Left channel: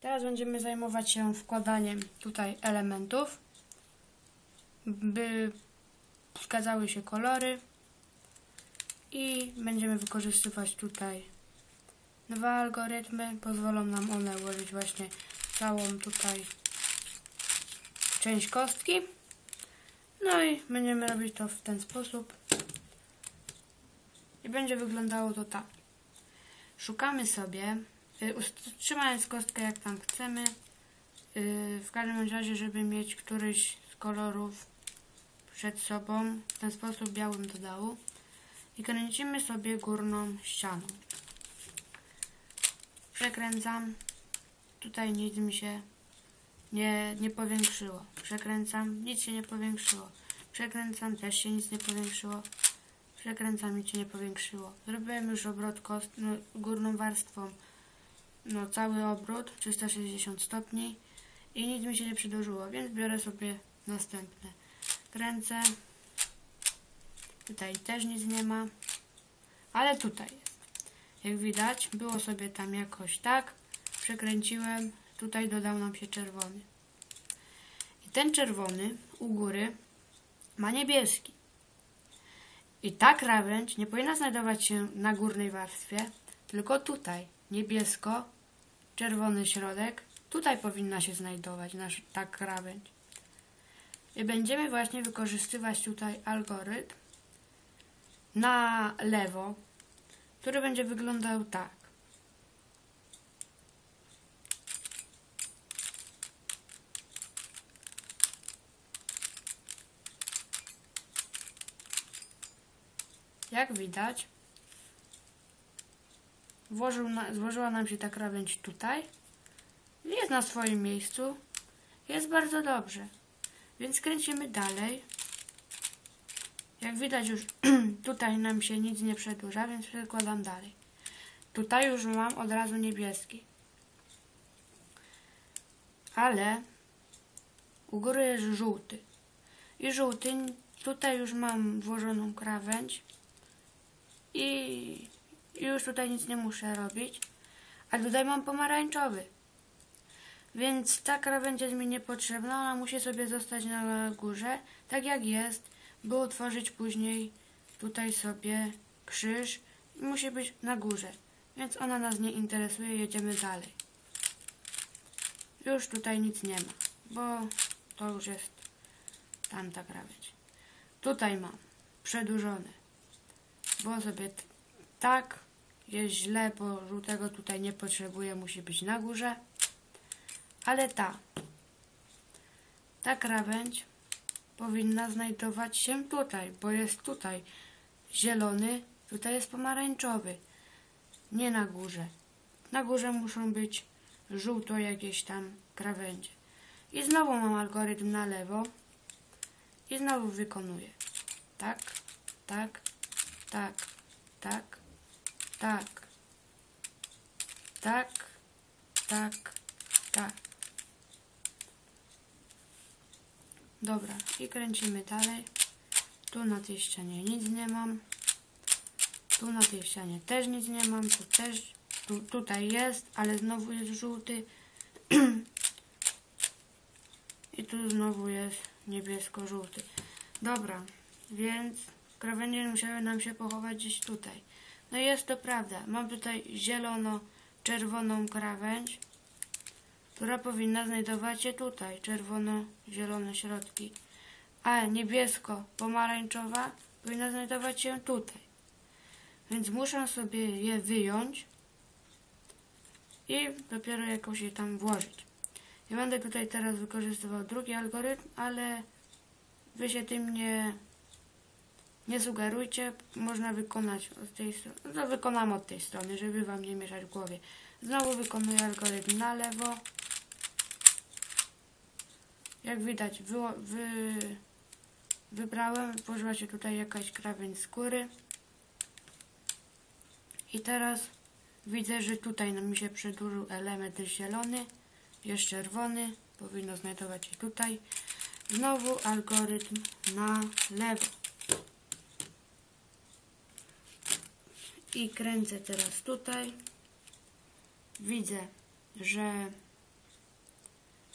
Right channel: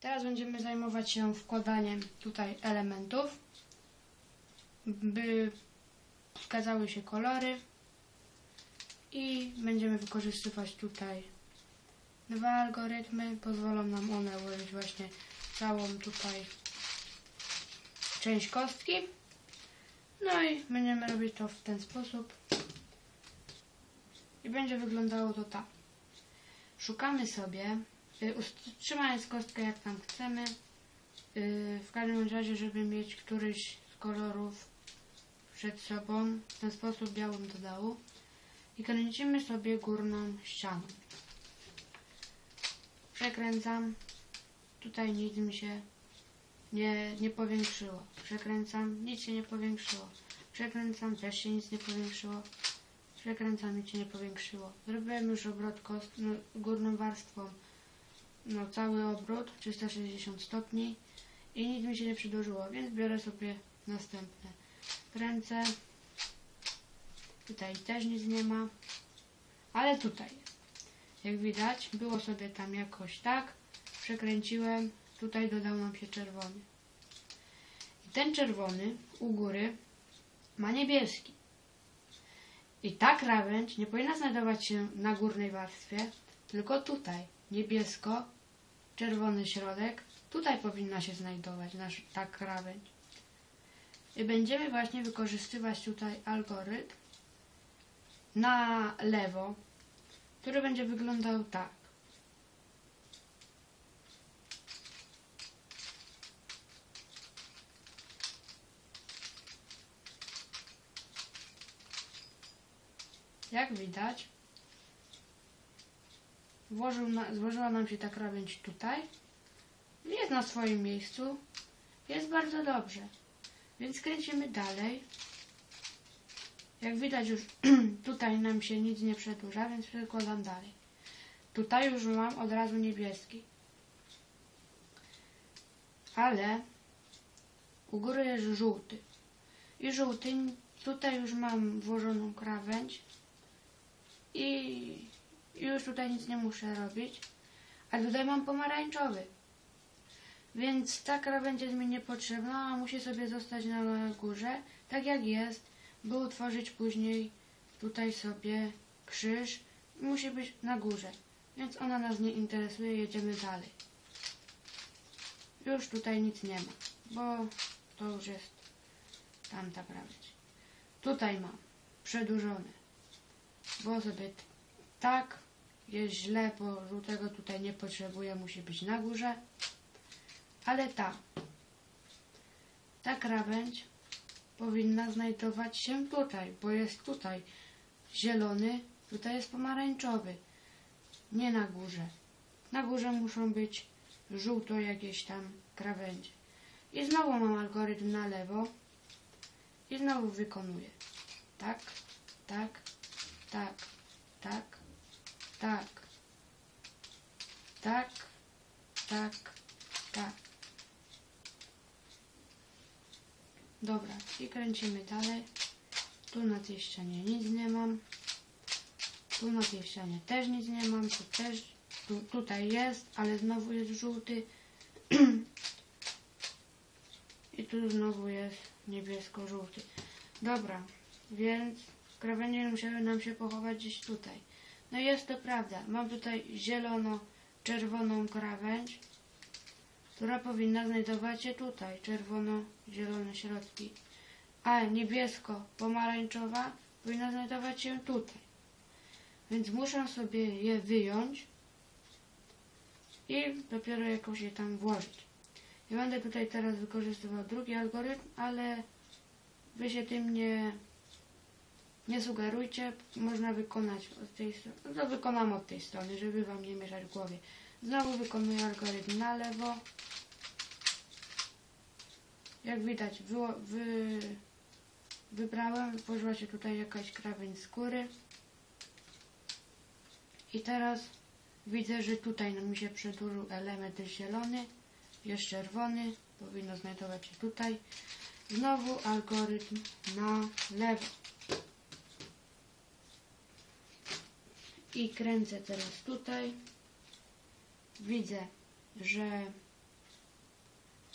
Teraz będziemy zajmować się wkładaniem tutaj elementów, by zgadzały się kolory i będziemy wykorzystywać tutaj dwa algorytmy. Pozwolą nam one ułożyć właśnie całą tutaj część kostki. No i będziemy robić to w ten sposób. I będzie wyglądało to tak. Szukamy sobie, y, trzymając kostkę jak tam chcemy, y, w każdym razie, żeby mieć któryś z kolorów przed sobą, w ten sposób białym do dołu i kręcimy sobie górną ścianą. Przekręcam, tutaj nic mi się nie, nie powiększyło. Przekręcam, nic się nie powiększyło. Przekręcam, też się nic nie powiększyło. Przekręcam, nic się nie powiększyło. Zrobiłem już obrót kost, no, górną warstwą, no cały obrót, 360 stopni i nic mi się nie przedłużyło, więc biorę sobie następne. Kręcę. Tutaj też nic nie ma, ale tutaj. Jak widać, było sobie tam jakoś tak. Przekręciłem, tutaj dodał nam się czerwony. I ten czerwony u góry ma niebieski. I ta krawędź nie powinna znajdować się na górnej warstwie, tylko tutaj. Niebiesko, czerwony środek. Tutaj powinna się znajdować nasz, ta krawędź. I będziemy właśnie wykorzystywać tutaj algorytm na lewo, który będzie wyglądał tak. Jak widać, włożył na, złożyła nam się ta krawędź tutaj. Jest na swoim miejscu. Jest bardzo dobrze. Więc kręcimy dalej. Jak widać już tutaj nam się nic nie przedłuża, więc przekładam dalej. Tutaj już mam od razu niebieski. Ale u góry jest żółty. I żółty, tutaj już mam włożoną krawędź i już tutaj nic nie muszę robić. A tutaj mam pomarańczowy. Więc ta krawędź jest mi niepotrzebna, ona musi sobie zostać na górze, tak jak jest, by utworzyć później tutaj sobie krzyż i musi być na górze. Więc ona nas nie interesuje, jedziemy dalej. Już tutaj nic nie ma, bo to już jest tamta krawędź. Tutaj mam przedłużone bo sobie tak jest źle, bo żółtego tutaj nie potrzebuję, musi być na górze. Ale ta, ta krawędź powinna znajdować się tutaj, bo jest tutaj zielony, tutaj jest pomarańczowy, nie na górze. Na górze muszą być żółto jakieś tam krawędzie. I znowu mam algorytm na lewo i znowu wykonuję. Tak, tak, tak, tak, tak, tak, tak, tak. Dobra, i kręcimy dalej. Tu na tej ścianie nic nie mam. Tu na tej ścianie też nic nie mam. Tu też, tu, tutaj jest, ale znowu jest żółty. I tu znowu jest niebiesko-żółty. Dobra, więc Krawędzie musiały nam się pochować gdzieś tutaj. No jest to prawda. Mam tutaj zielono-czerwoną krawędź, która powinna znajdować się tutaj. Czerwono-zielone środki. A niebiesko-pomarańczowa powinna znajdować się tutaj. Więc muszę sobie je wyjąć i dopiero jakoś je tam włożyć. Ja będę tutaj teraz wykorzystywał drugi algorytm, ale wy się tym nie nie sugerujcie, można wykonać od tej strony. No to wykonam od tej strony, żeby Wam nie mieszać w głowie. Znowu wykonuję algorytm na lewo. Jak widać, wy, wy, wybrałem, włożyła się tutaj jakaś krawędź skóry. I teraz widzę, że tutaj mi się przedłużył element zielony, jest czerwony, powinno znajdować się tutaj. Znowu algorytm na lewo. I kręcę teraz tutaj. Widzę, że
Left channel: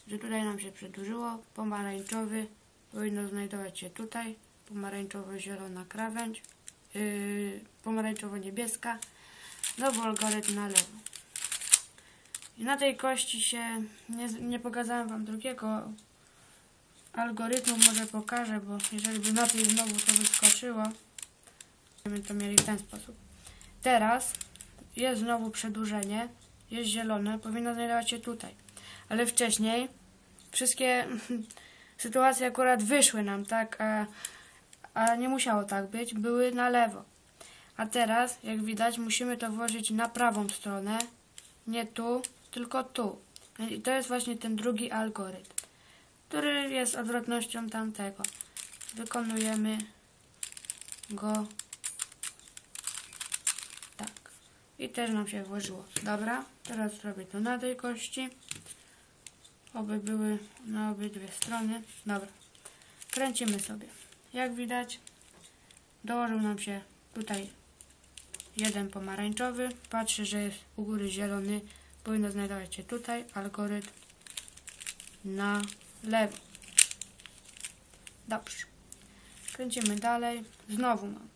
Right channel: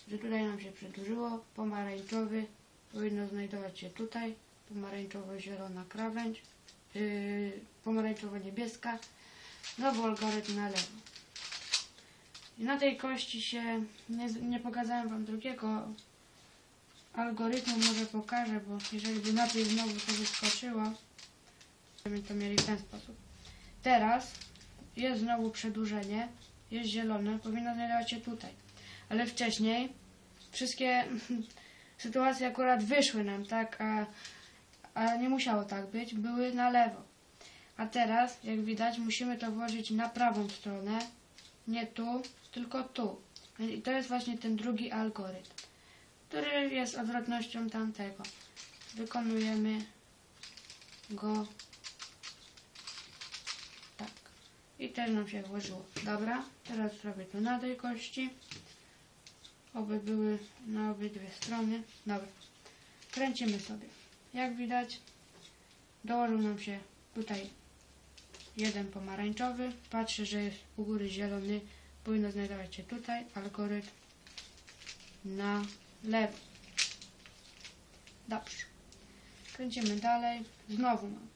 że tutaj nam się przedłużyło. Pomarańczowy powinno znajdować się tutaj. Pomarańczowo-zielona krawędź. Yy, pomarańczowo-niebieska. Znowu algorytm na lewo. I na tej kości się, nie, nie pokazałem Wam drugiego algorytmu, może pokażę, bo jeżeli by na tej znowu to wyskoczyło, to mieli w ten sposób. Teraz jest znowu przedłużenie, jest zielone, powinno znajdować się tutaj. Ale wcześniej wszystkie sytuacje akurat wyszły nam, tak, a, a nie musiało tak być, były na lewo. A teraz, jak widać, musimy to włożyć na prawą stronę, nie tu, tylko tu. I to jest właśnie ten drugi algorytm, który jest odwrotnością tamtego. Wykonujemy go tak. I też nam się włożyło. Dobra, teraz zrobię to na tej kości. Oby były na obydwie strony. Dobra. Kręcimy sobie. Jak widać, dołożył nam się tutaj jeden pomarańczowy. Patrzę, że jest u góry zielony. Powinno znajdować się tutaj algorytm na lewo. Dobrze. Kręcimy dalej. Znowu mam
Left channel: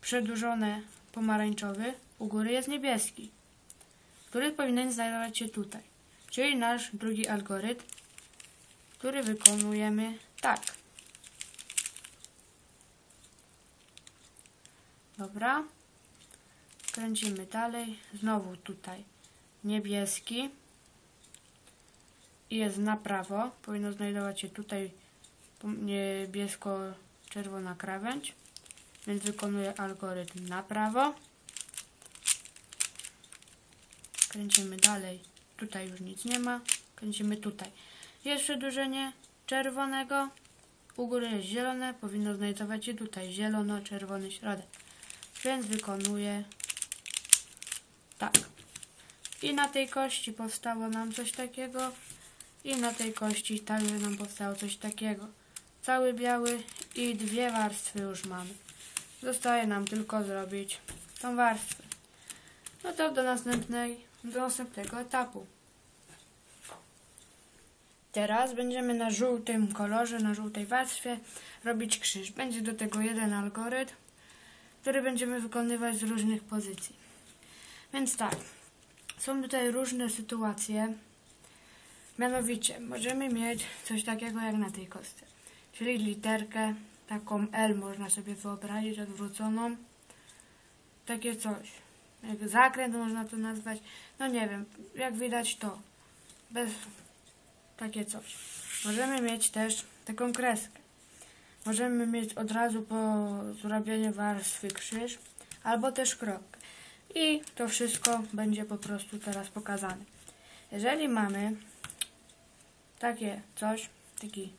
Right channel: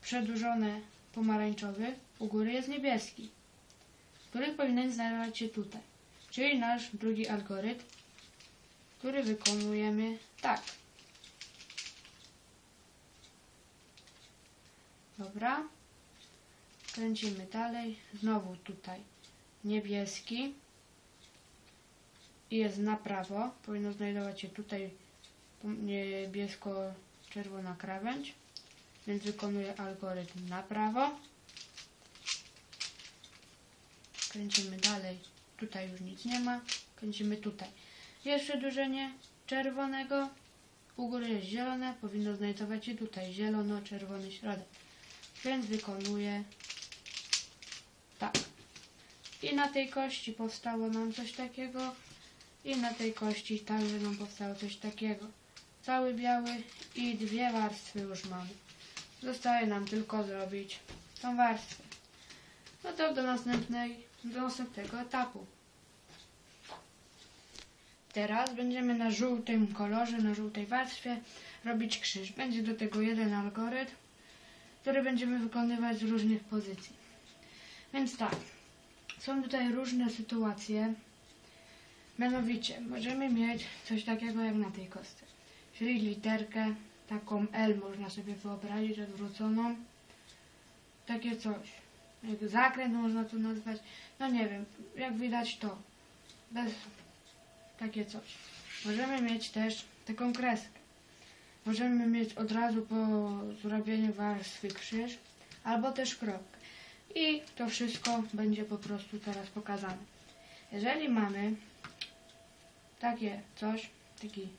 przedłużone pomarańczowy. U góry jest niebieski, który powinien znajdować się tutaj. Czyli nasz drugi algorytm, który wykonujemy tak. Dobra. Kręcimy dalej. Znowu tutaj niebieski. I jest na prawo. Powinno znajdować się tutaj niebiesko-czerwona krawędź. Więc wykonuję algorytm na prawo. Kręcimy dalej. Tutaj już nic nie ma. Kręcimy tutaj. Jest przedłużenie czerwonego. U góry jest zielone. Powinno znajdować się tutaj zielono-czerwony środek. Więc wykonuję tak. I na tej kości powstało nam coś takiego. I na tej kości także nam powstało coś takiego. Cały biały i dwie warstwy już mamy. Zostaje nam tylko zrobić tą warstwę. No to do następnej, do następnego etapu. Teraz będziemy na żółtym kolorze, na żółtej warstwie robić krzyż. Będzie do tego jeden algorytm, który będziemy wykonywać z różnych pozycji. Więc tak, są tutaj różne sytuacje. Mianowicie, możemy mieć coś takiego jak na tej kostce, czyli literkę taką L można sobie wyobrazić odwróconą. Takie coś. Jak zakręt można to nazwać. No nie wiem, jak widać to. Bez takie coś. Możemy mieć też taką kreskę. Możemy mieć od razu po zrobieniu warstwy krzyż albo też kropkę. I to wszystko będzie po prostu teraz pokazane. Jeżeli mamy takie coś, taki,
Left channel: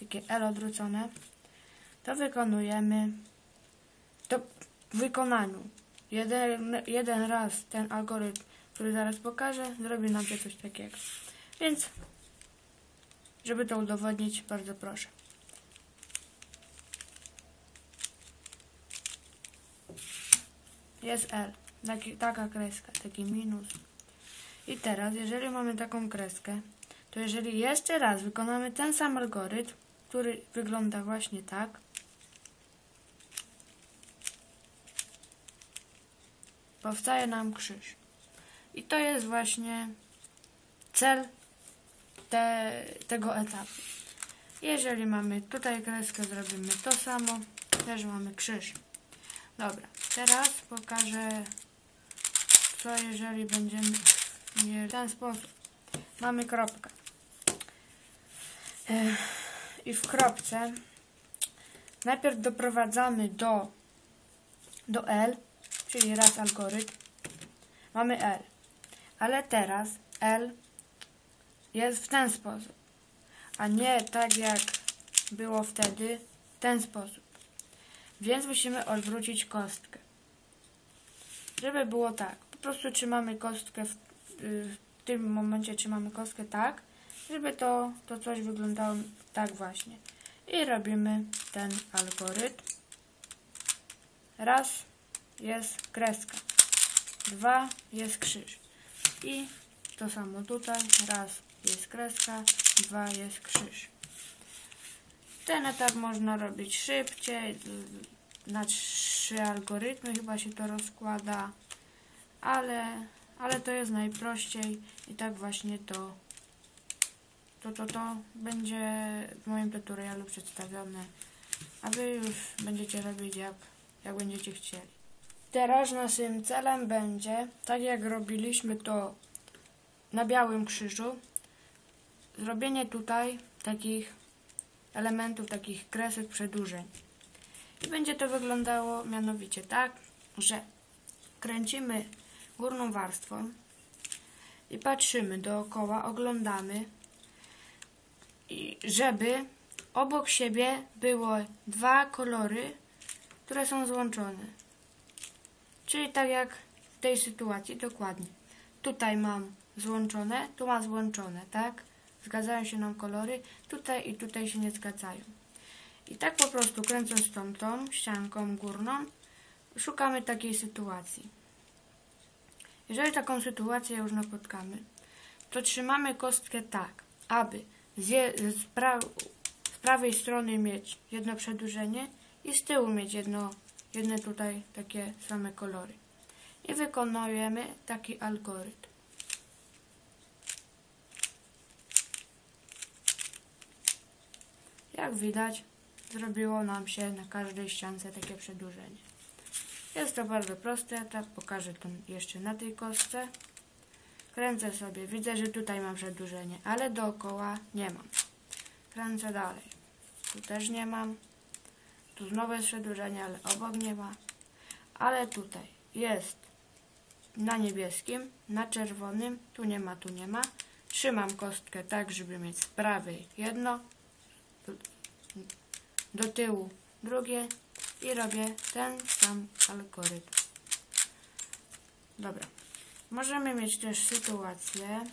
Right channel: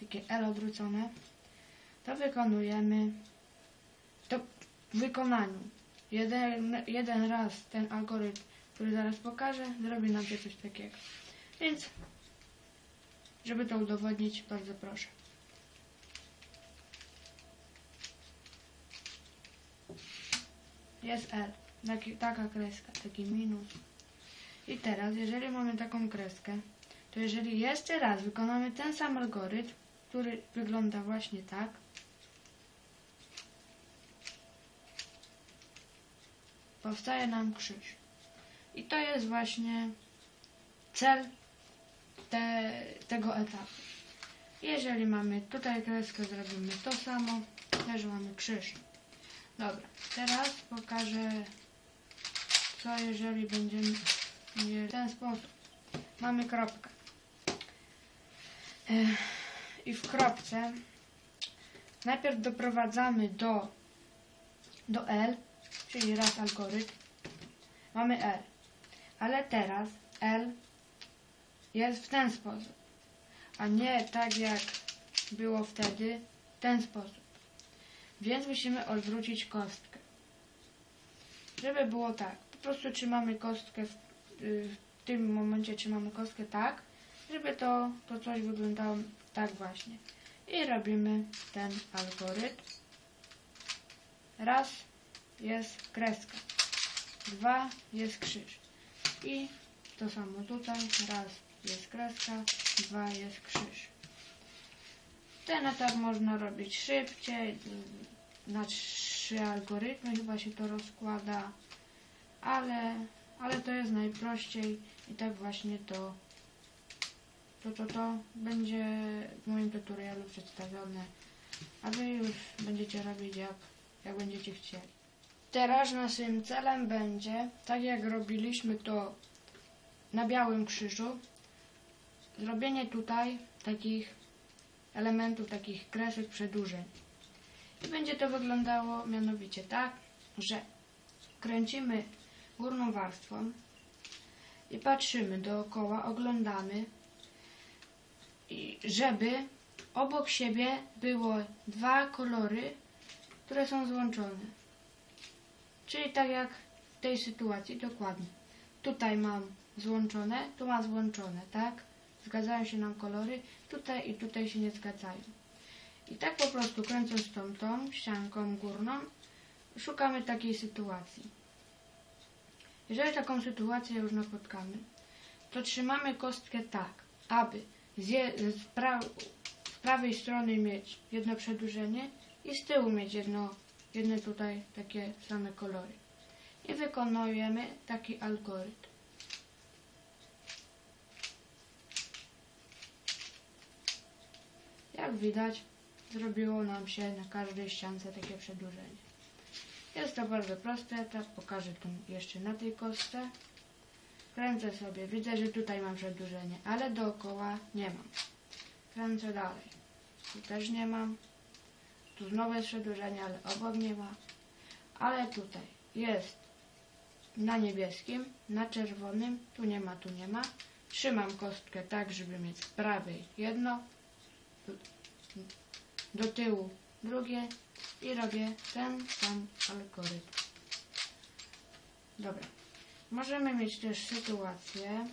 takie L odwrócone, to wykonujemy to w wykonaniu. Jeden, jeden raz ten algorytm, który zaraz pokażę, zrobi nam się coś takiego. Więc, żeby to udowodnić, bardzo proszę. Jest L, taki, taka kreska, taki minus. I teraz, jeżeli mamy taką kreskę, to jeżeli jeszcze raz wykonamy ten sam algorytm, który wygląda właśnie tak, powstaje nam krzyż. I to jest właśnie cel te, tego etapu. Jeżeli mamy tutaj kreskę, zrobimy to samo, też mamy krzyż. Dobra, teraz pokażę, co jeżeli będziemy mieli w ten sposób. Mamy kropkę. I w kropce najpierw doprowadzamy do, do L, czyli raz algorytm, mamy L. Ale teraz L jest w ten sposób, a nie tak jak było wtedy, w ten sposób. Więc musimy odwrócić kostkę. Żeby było tak, po prostu trzymamy kostkę, w, w tym momencie trzymamy kostkę tak, żeby to, to coś wyglądało tak właśnie. I robimy ten algorytm. Raz, jest kreska. Dwa jest krzyż. I to samo tutaj. Raz jest kreska, dwa jest krzyż. Ten etap można robić szybciej, na trzy algorytmy chyba się to rozkłada, ale, ale to jest najprościej i tak właśnie to, to, to, to będzie w moim tutorialu przedstawione, a Wy już będziecie robić jak, jak będziecie chcieli. Teraz naszym celem będzie, tak jak robiliśmy to na białym krzyżu, zrobienie tutaj takich elementów, takich kresek przedłużeń. I będzie to wyglądało mianowicie tak, że kręcimy górną warstwą i patrzymy dookoła, oglądamy, i żeby obok siebie było dwa kolory, które są złączone. Czyli tak jak w tej sytuacji, dokładnie. Tutaj mam złączone, tu mam złączone, tak? Zgadzają się nam kolory, tutaj i tutaj się nie zgadzają. I tak po prostu kręcąc tą, tą ścianką górną, szukamy takiej sytuacji. Jeżeli taką sytuację już napotkamy, to trzymamy kostkę tak, aby z, z, pra, z prawej strony mieć jedno przedłużenie i z tyłu mieć jedno, jedne tutaj takie same kolory. I wykonujemy taki algorytm. Jak widać, zrobiło nam się na każdej ściance takie przedłużenie. Jest to bardzo proste, tak pokażę to jeszcze na tej kostce. Kręcę sobie, widzę, że tutaj mam przedłużenie, ale dookoła nie mam. Kręcę dalej. Tu też nie mam. Tu znowu jest przedłużenie, ale obok nie ma. Ale tutaj jest na niebieskim, na czerwonym, tu nie ma, tu nie ma. Trzymam kostkę tak, żeby mieć z prawej jedno, do tyłu drugie i robię ten sam algorytm. Dobra. Możemy mieć też sytuację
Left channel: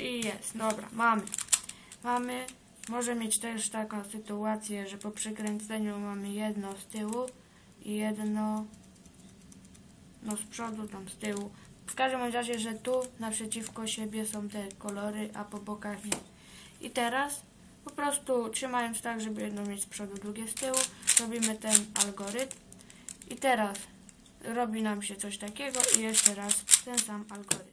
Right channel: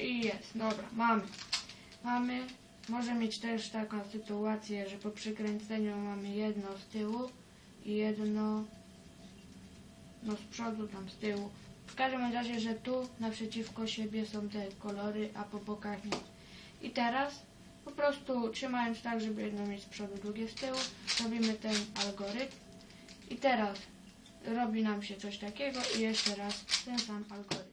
i jest, dobra, mamy. Mamy, może mieć też taką sytuację, że po przykręceniu mamy jedno z tyłu i jedno no z przodu, tam z tyłu. W każdym razie, że tu naprzeciwko siebie są te kolory, a po bokach nie. I teraz po prostu trzymając tak, żeby jedno mieć z przodu, drugie z tyłu, robimy ten algorytm. I teraz robi nam się coś takiego i jeszcze raz ten sam algorytm.